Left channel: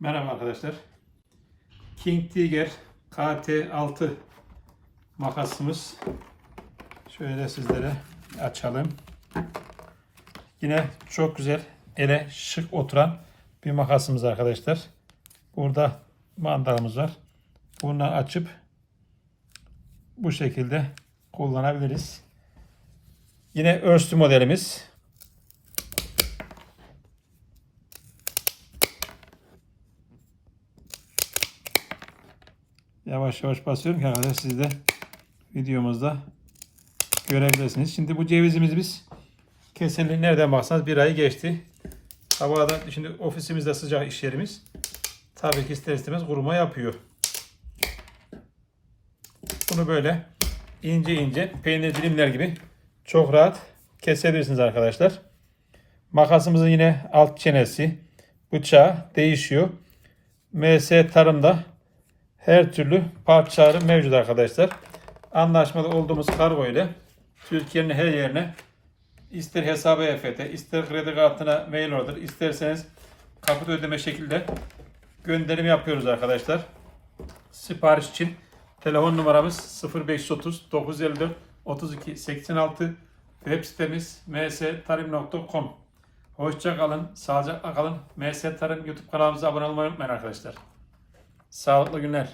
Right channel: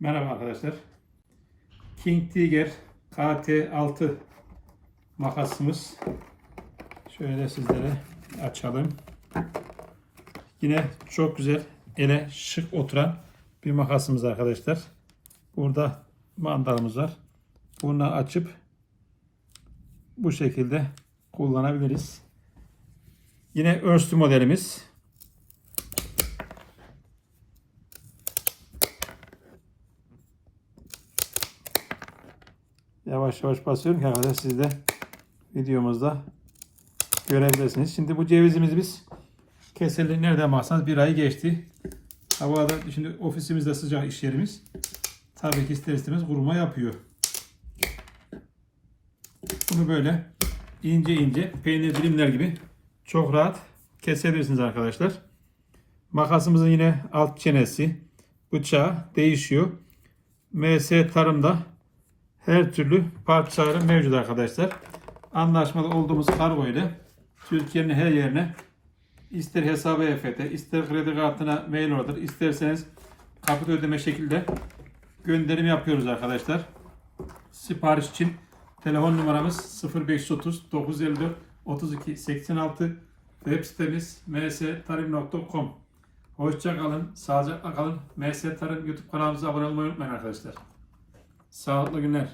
Merhaba arkadaşlar. King Tiger KT6 makasımız. Şöyle sizlere açalım. Yine çok güzel ele şık oturan bir makasımız arkadaşlar. Burada mandalımız var. Bunu açıp bu şekilde kullanabiliriz. Yine örslü modelimiz. Yavaş yavaş basıyorum ki arkadaşlar siz de videomuzda görebilirsiniz. Şimdi bu cevizimizi biz kesinlikle nereden baksanız bir ay geçti. Havadan şimdi ofisimizde sıcak iş yerimiz. Tabii ki ister istemez kuruma yapıyor. Bunu böyle ince ince peynir dilimler gibi çok rahat kesebilirsiniz arkadaşlar. Makasımızın yine alt çenesi, bıçağı değişiyor. MS Tarım'da her türlü parçaları mevcut arkadaşlar. Anlaşmalı olduğumuz kargo ile Türkiye'nin her yerine ister hesabı EFT, ister kredi kartına mail order, isterseniz kapıda ödeme şekilde gönderim yapıyoruz arkadaşlar. Sipariş için telefon numaramız 0530 954 32 86 web sitemiz mstarim.com Hoşça kalın, sağlıcakla kalın. MS Tarım YouTube kanalımıza abone olmayı unutmayın arkadaşlar. Sağlıklı günler.